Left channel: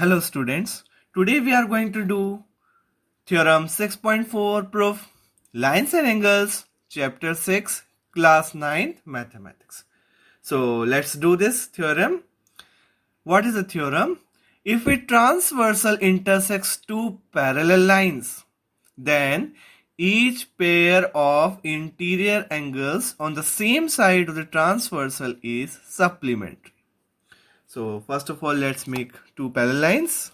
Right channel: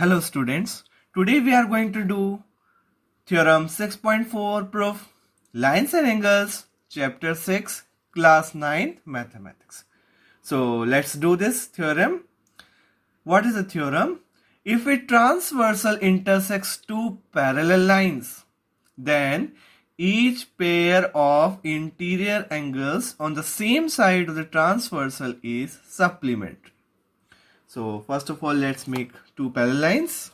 Hello students, today we are going to do theorem 6.4 proof lines and angles chapter 6 class 9 mathematics. So let's do this theorem. What is the theorem? If a transversal intersects two parallel lines, then each pair of interior angles on the same side of the transversal is supplementary. So first of all, let's make two parallel lines.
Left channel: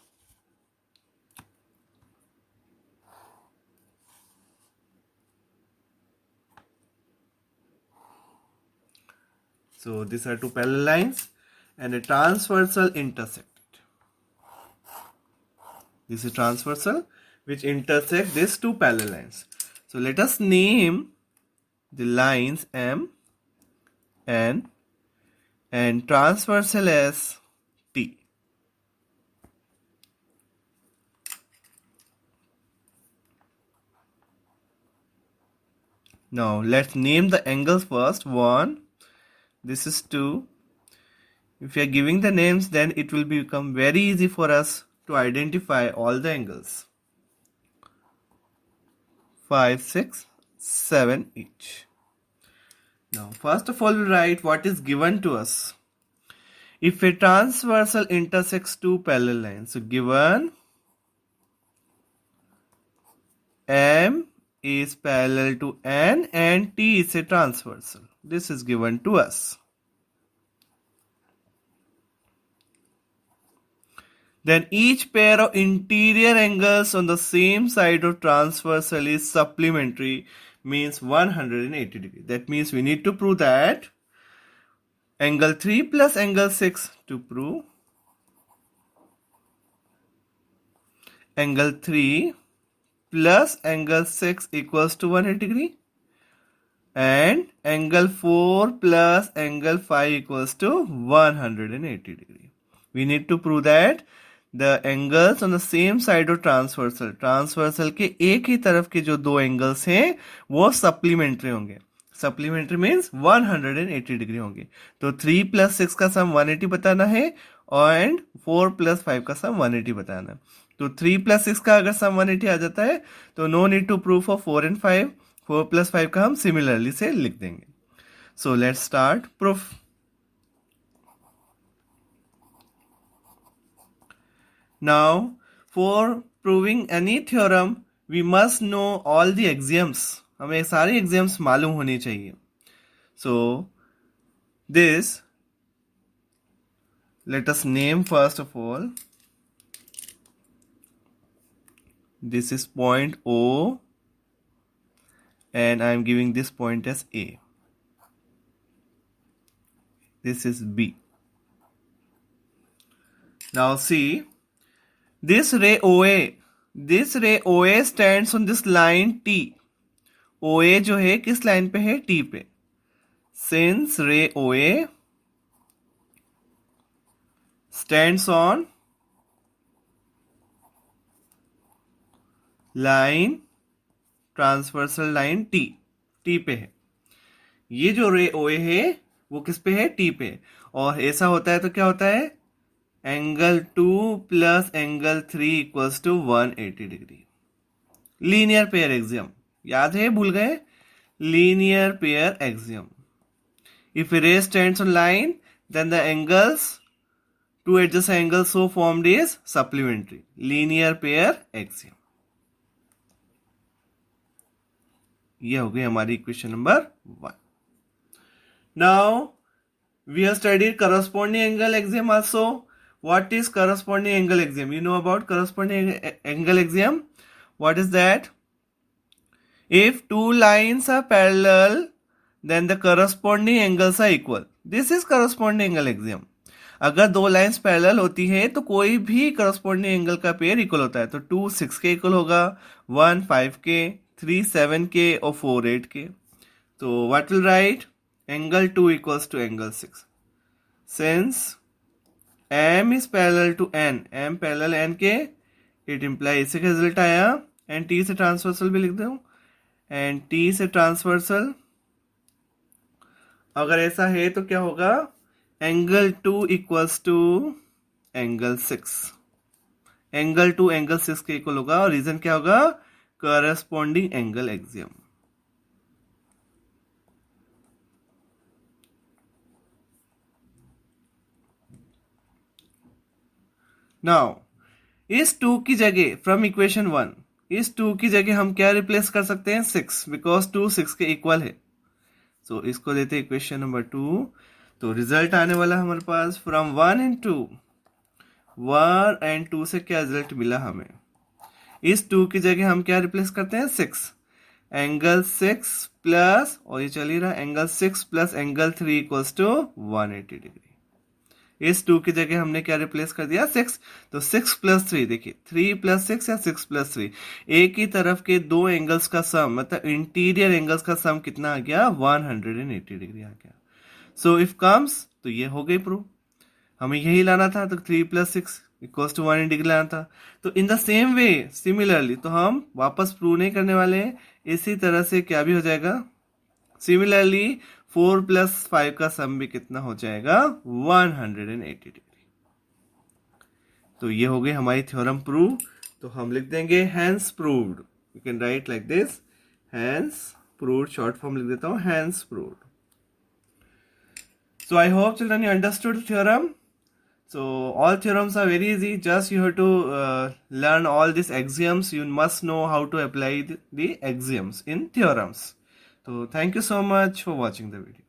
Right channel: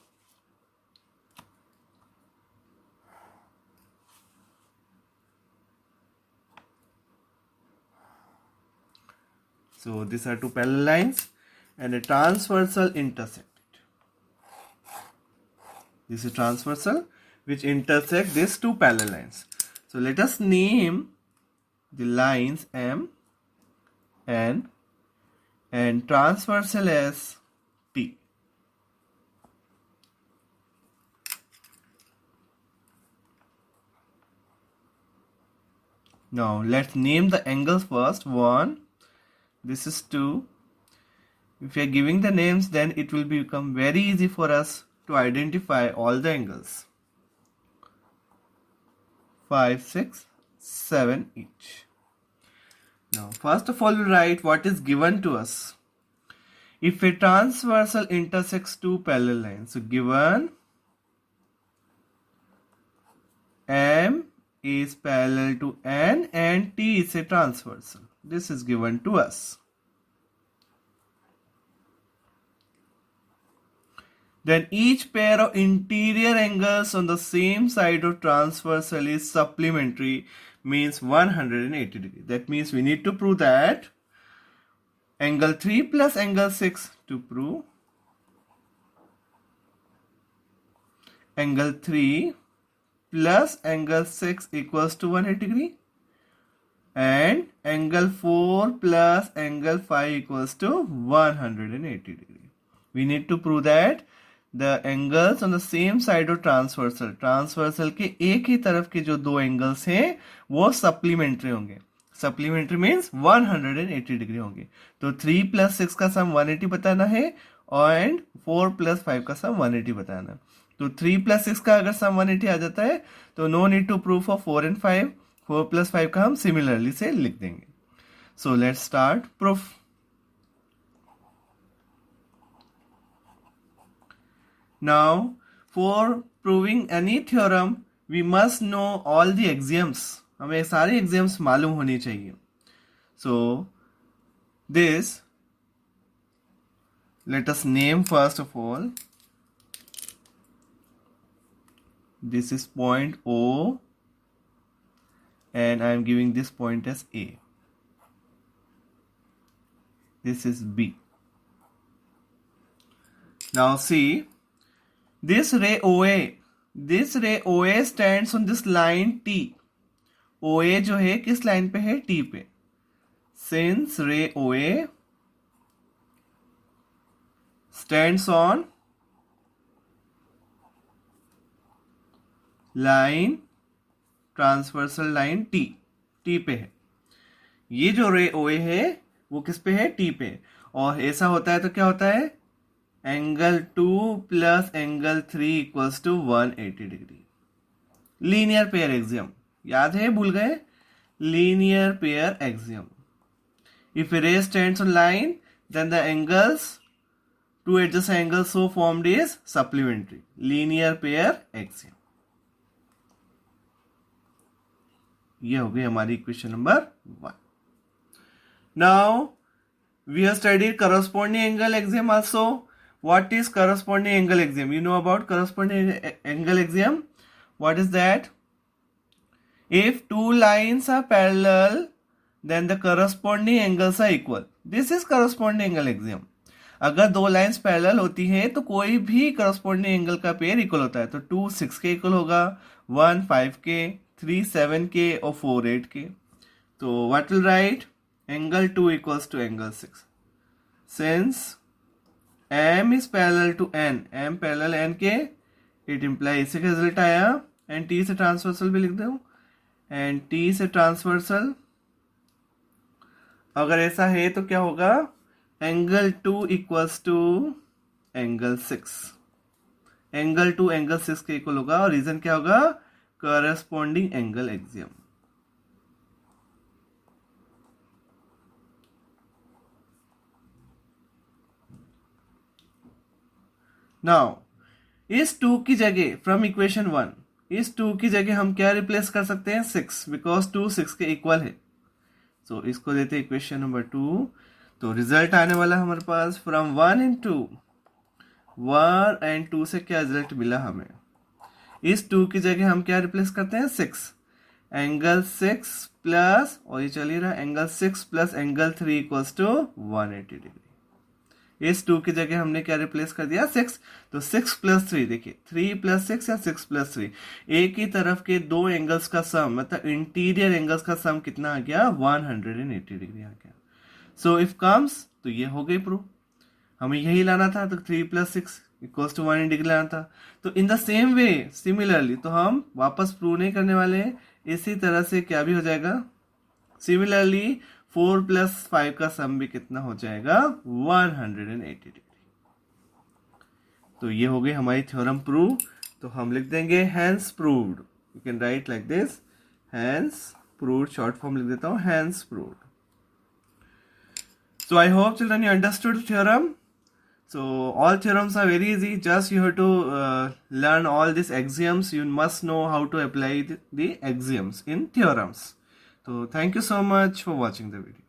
So these are two parallel lines and a transversal intersect. This is transversal which intersect these two parallel lines. So let us name the lines M, N and transversal as T. Now let's name the angles first. 1, this is 2. If we are giving the names, then it will become very easy for us to identify all the angles. 5, 6, 7 each. Now first of all we write what is given to us. If a transversal intersects two parallel lines, so given M is parallel to N and T is a transversal. This is given to us. Then each pair of interior angles on the same side of transversal is supplementary, means 180 degree. That means we need to prove that angle 3 plus angle 6 to prove angle 3 plus angle 6 equals to 180 degree and angle 4 plus angle 5 equals to 180 degree. We need to prove that the angles on the same side of transversal के एक ही तरफ के जो दो angles हैं वो supplementary होंगे. Supplementary means 180 degree होंगे. तो 3 plus 6 का सम 180 बताना है और 4 plus 5 का सम 180 बताना है. तो 3 plus 6 का अगर सम 180 आ जाता है तो no need to prove for 4 and 5. 4 plus 5 का हम similarly से लिख देंगे. So let's start proof. Now, for proving any theorem, we must know all the axioms. हमें सारे axioms मालूम होनी चाहिए. So, this, let us name first of all. This is point O and I am giving this point as A. This is B. Now see, this ray OA stands on this line T. OA जो है किस line पे है? T पे. Since ray OA stands on line transversal line T पे है. ये जो रे OA है वो किस पे है? T पे. और ऐसा होता है तो क्या होता है? Angle 2 plus angle 3 equals to 180 degree. Linear pair axiom याद है? भूल गए? Linear pair axiom. If a ray stands on line, then the angles, two adjacent angles so formed is supplementary. Linear pair axiom. ये हो गई हमारी equation number 1. Now we have studied corresponding angle axiom also. What is corresponding angle axiom? You know about corresponding angle axiom? What is that? If two lines are parallel, then the corresponding angles are equal. This is corresponding angle axiom. अगर दो lines parallel होती है तो कोई भी corresponding angle का pair equal होता है. तो 2 6 के इक्वल होगा, 1 5 के, 3 7 के और 4 8 के. तो what will right? Angle 2 equals to angle 6. Since M is parallel to N, M parallel N के, इट इम्प्लाई इसी का रिजल्ट आया. एंड T से ट्रांसवर्सल भी लिख दूँ एंड T से ट्रांसवर्सल. अगर ऐसा है तो क्या होगा? Angle 2 equals to angle 6. Angle 2 angle 6 के इक्वल होगा और रीजन क्या होगा, करस्पॉन्डिंग एंगल एक्सियम। नाउ इस 2 की जगह फ्रॉम इक्वेशन 1, इस 2 की जगह हम क्या रिप्लेस कर सकते हैं, 6, बिकॉज 2 6 के इक्वल है। सो इसको देते हैं इक्वेशन नंबर 2। तो रिजल्ट आने वाला हमारे पास फ्रॉम 1 एंड 2, 1 एंड 2 से क्या रिजल्ट मिला हमें, इस 2 की जगह हम क्या रिप्लेस करते हैं, 6, एंगल 6 प्लस, और ये चल ही रहा angle 6 plus angle 3 equals to 180 degree. इस 2 की जगह हमने क्या रिप्लेस कर दिया, 6, तो 6 प्लस 3, देखिए 3 प्लस 6 या 6 प्लस 3, एक ही तरफ के दो एंगल्स का सम, मतलब इंटीरियर एंगल्स का सम कितना आ गया, 180 डिग्री आ गया। सो इफ कम्स, तो ये हो गई प्रूफ, हमें यही लाना था, तो 3 प्लस 6 इक्वल्स टू 180 डिग्री लाना था। तो in the same way similarly, तो हम वापस प्रूव नहीं करने वाले हैं, इसी तरह से क्या भी हो जाएगा, सिमिलरली 4 प्लस 5 का सम भी कितना हो जाएगा, 180 डिग्री। तो ये हो गई हमारी थ्योरम प्रूव। तो हम लिख देंगे hence proved, you can write like this, hence proved, short form लिख देता हूँ, hence proved. So I hope children you understood theorem. So all theorems are very easy. Just you have to learn all these axioms. You must know how to apply the axioms in theorems. So thank you so much for watching the video.